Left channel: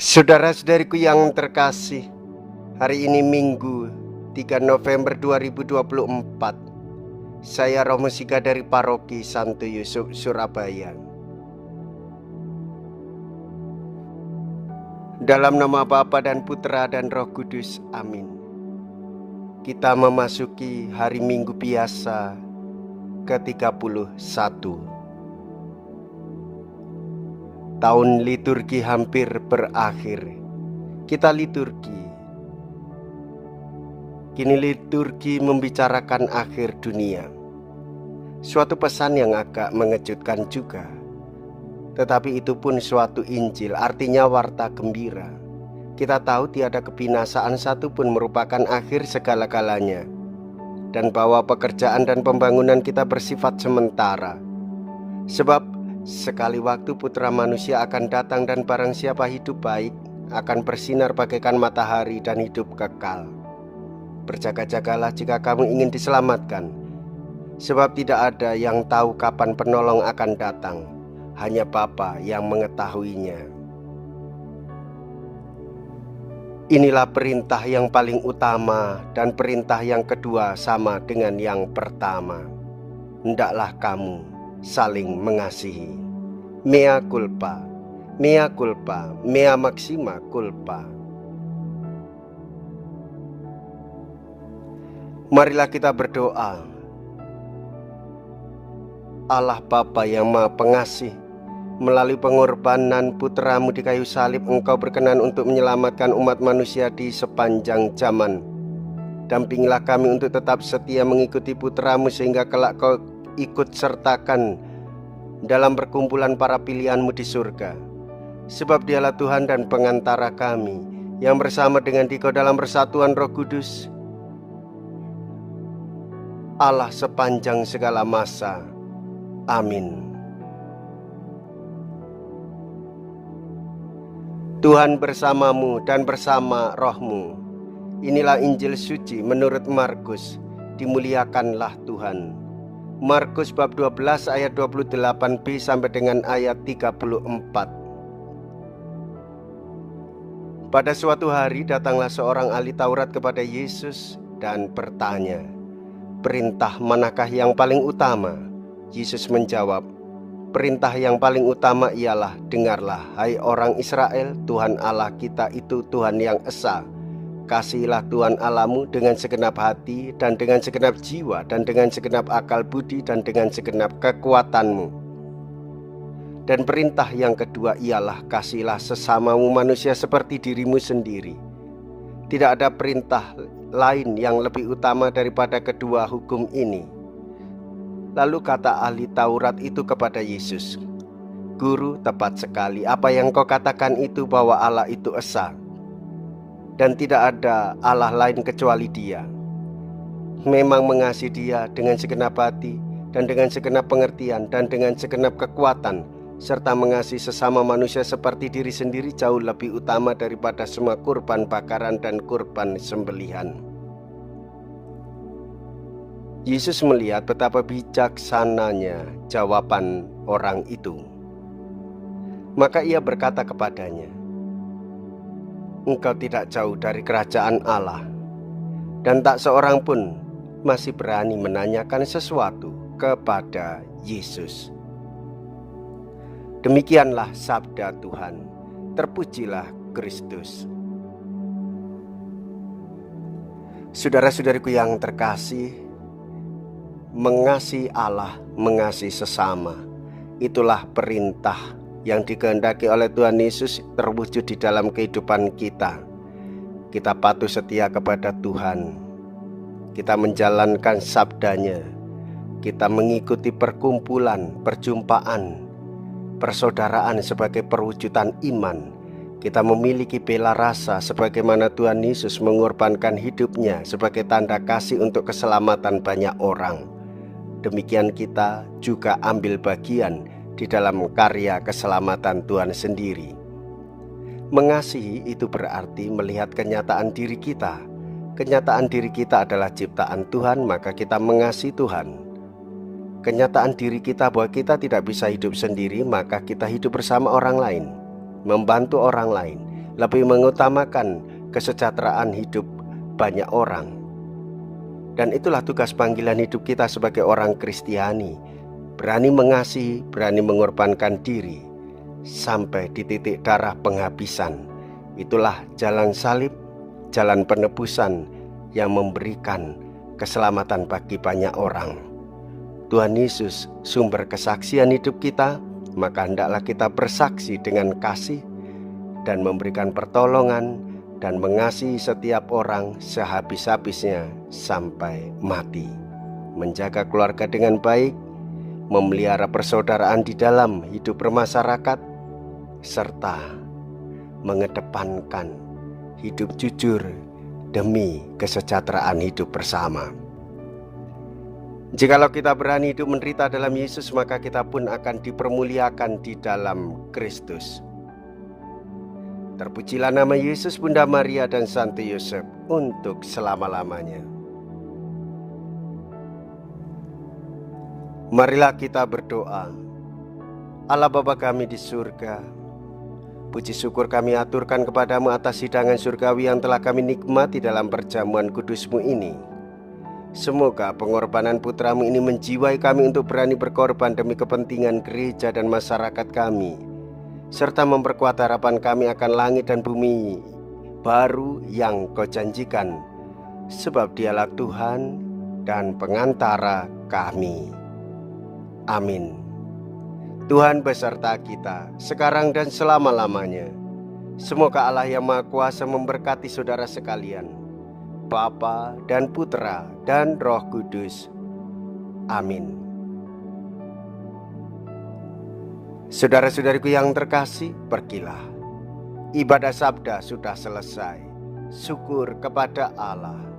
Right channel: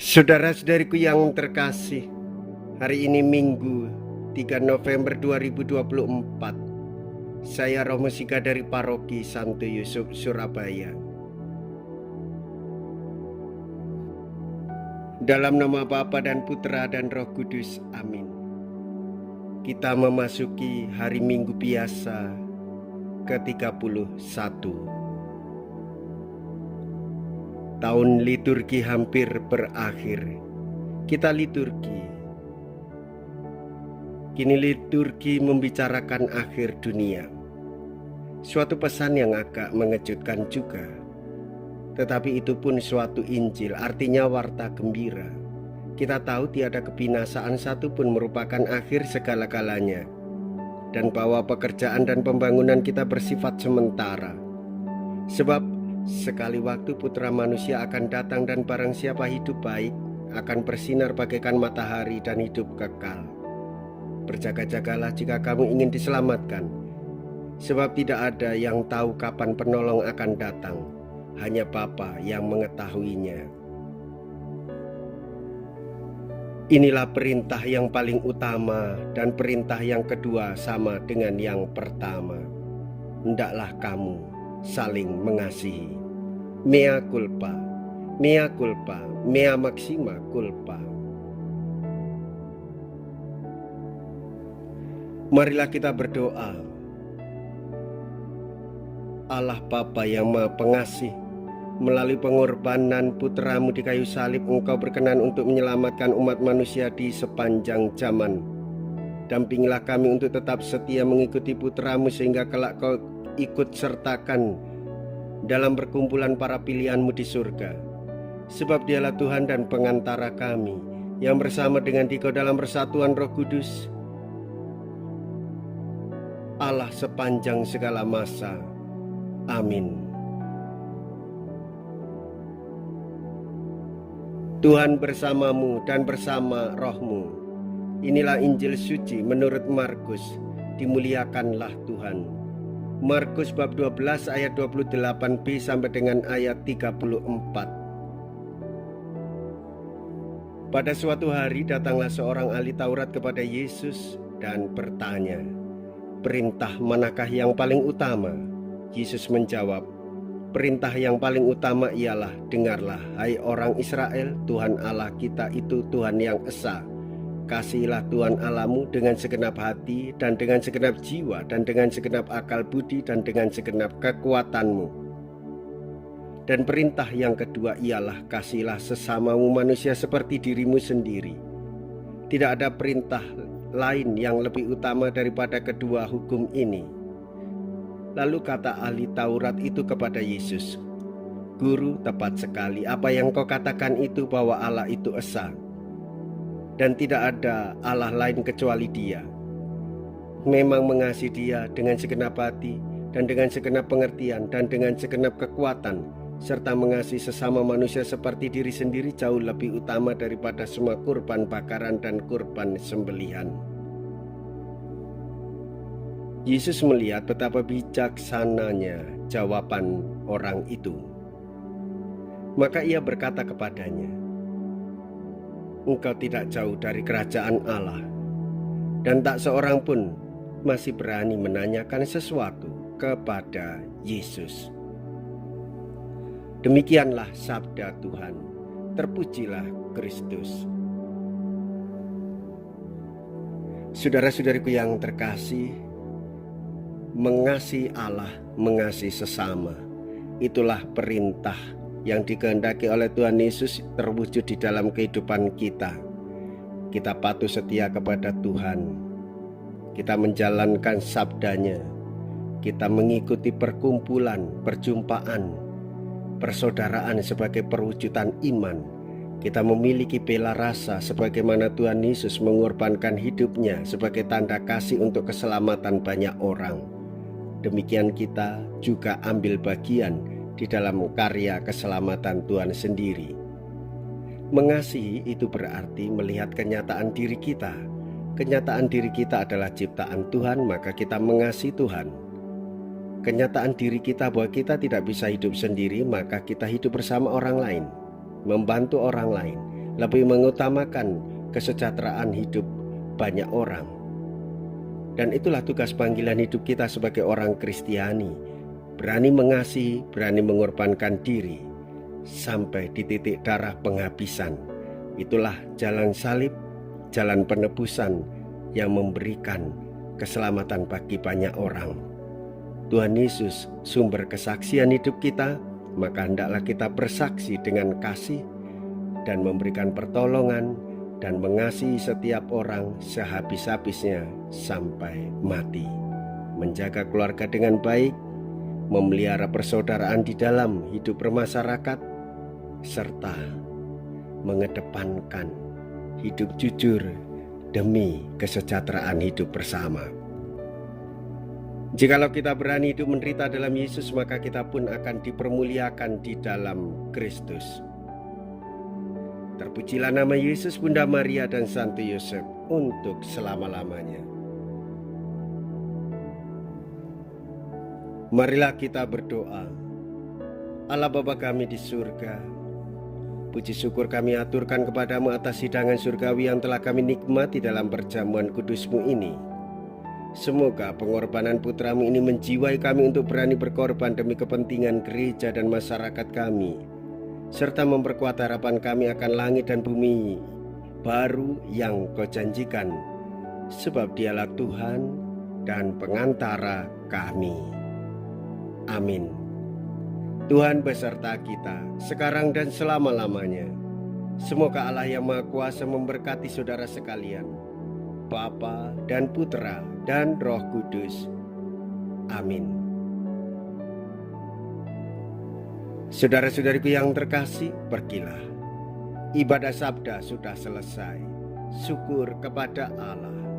Saudara-saudariku yang terkasih, hari ini Minggu 3 November 2024. Saya Romo Sika dari Paroki Santo Yusuf, Surabaya. Dalam nama Bapa dan Putra dan Roh Kudus, amin. Kita memasuki hari Minggu biasa ke-31. Tahun liturgi hampir berakhir. Kita liturgi. Kini liturgi membicarakan akhir dunia. Suatu pesan yang agak mengejutkan juga. Tetapi itu pun suatu Injil, artinya warta gembira. Kita tahu tiada kebinasaan satupun merupakan akhir segala-galanya, dan bahwa pekerjaan dan pembangunan kita bersifat sementara. Sebab sekali waktu Putra Manusia akan datang, dan barang siapa hidup baik akan bersinar bagaikan matahari dan hidup kekal. Berjaga-jagalah jika kamu ingin diselamatkan, sebab tidak ada yang tahu kapan penolong akan datang, hanya Bapa yang mengetahuinya. Inilah perintah yang paling utama, dan perintah yang kedua sama dengan yang pertama. Hendaklah kamu saling mengasihi. Mea culpa, mea culpa, mea maxima culpa. Marilah kita berdoa. Allah Bapa yang Maha Pengasih, melalui pengorbanan Putra-Mu di kayu salib, Engkau berkenan untuk menyelamatkan umat manusia di sepanjang zaman. Dampingilah kami untuk tetap setia mengikuti Putra-Mu, sehingga kelak Kau ikut sertakan dalam perkumpulan para pilihan-Mu di surga. Sebab Dialah Tuhan dan pengantara kami, yang bersama dengan Dikau dalam persatuan Roh Kudus, Allah sepanjang segala masa. Amin. Tuhan bersamamu dan bersama rohmu. Inilah Injil suci menurut Markus. Dimuliakanlah Tuhan. Markus bab 12 ayat 28b sampai dengan ayat 34. Pada suatu hari datanglah seorang ahli Taurat kepada Yesus dan bertanya, "Perintah manakah yang paling utama?" Yesus menjawab, "Perintah yang paling utama ialah, dengarlah, hai orang Israel, Tuhan Allah kita itu Tuhan yang esa. Kasihilah Tuhan Allahmu dengan segenap hati, dan dengan segenap jiwa, dan dengan segenap akal budi, dan dengan segenap kekuatanmu. Dan perintah yang kedua ialah, kasihilah sesamamu manusia seperti dirimu sendiri. Tidak ada perintah lain yang lebih utama daripada kedua hukum ini." Lalu kata ahli Taurat itu kepada Yesus, "Guru, tepat sekali apa yang kau katakan itu, bahwa Allah itu esa, dan tidak ada Allah lain kecuali Dia. Memang mengasihi Dia dengan segenap hati, dan dengan segenap pengertian, dan dengan segenap kekuatan, serta mengasihi sesama manusia seperti diri sendiri jauh lebih utama daripada semua kurban bakaran dan kurban sembelihan." Yesus melihat betapa bijaksananya jawaban orang itu. Maka Ia berkata kepadanya, "Engkau tidak jauh dari kerajaan Allah." Dan tak seorang pun masih berani menanyakan sesuatu kepada Yesus. Demikianlah sabda Tuhan. Terpujilah Kristus. Saudara-saudariku yang terkasih, mengasihi Allah, mengasihi sesama, itulah perintah yang dikehendaki oleh Tuhan Yesus terwujud di dalam kehidupan kita. Kita patuh setia kepada Tuhan, kita menjalankan sabdanya, kita mengikuti perkumpulan, perjumpaan, persaudaraan sebagai perwujudan iman. Kita memiliki bela rasa sebagaimana Tuhan Yesus mengorbankan hidupnya sebagai tanda kasih untuk keselamatan banyak orang. Demikian kita juga ambil bagian di dalam karya keselamatan Tuhan sendiri. Mengasihi itu berarti melihat kenyataan diri kita. Kenyataan diri kita adalah ciptaan Tuhan, maka kita mengasihi Tuhan. Kenyataan diri kita bahwa kita tidak bisa hidup sendiri, maka kita hidup bersama orang lain, membantu orang lain, lebih mengutamakan kesejahteraan hidup banyak orang. Dan itulah tugas panggilan hidup kita sebagai orang Kristiani, berani mengasihi, berani mengorbankan diri sampai di titik darah penghabisan. Itulah jalan salib, jalan penebusan yang memberikan keselamatan bagi banyak orang. Tuhan Yesus sumber kesaksian hidup kita, maka hendaklah kita bersaksi dengan kasih dan memberikan pertolongan dan mengasihi setiap orang sehabis-habisnya sampai mati. Menjaga keluarga dengan baik, memelihara persaudaraan di dalam hidup bermasyarakat, serta mengedepankan hidup jujur demi kesejahteraan hidup bersama. Jikalau kita berani hidup menderita dalam Yesus, maka kita pun akan dipermuliakan di dalam Kristus. Terpujilah nama Yesus, Bunda Maria dan Santo Yosef untuk selama-lamanya. Marilah kita berdoa. Allah Bapa kami di surga, puji syukur kami aturkan kepadamu atas hidangan surgawi yang telah kami nikmati dalam perjamuan kudusmu ini. Semoga pengorbanan putramu ini menjiwai kami untuk berani berkorban demi kepentingan gereja dan masyarakat kami, serta memperkuat harapan kami akan langit dan bumi baru yang Kau janjikan, sebab Dialah Tuhan dan pengantara kami. Amin. Tuhan beserta kita sekarang dan selama-lamanya. Semoga Allah yang Maha Kuasa memberkati saudara sekalian, Bapa dan Putra dan Roh Kudus. Amin. Saudara-saudariku yang terkasih, pergilah. Ibadah sabda sudah selesai. Syukur kepada Allah.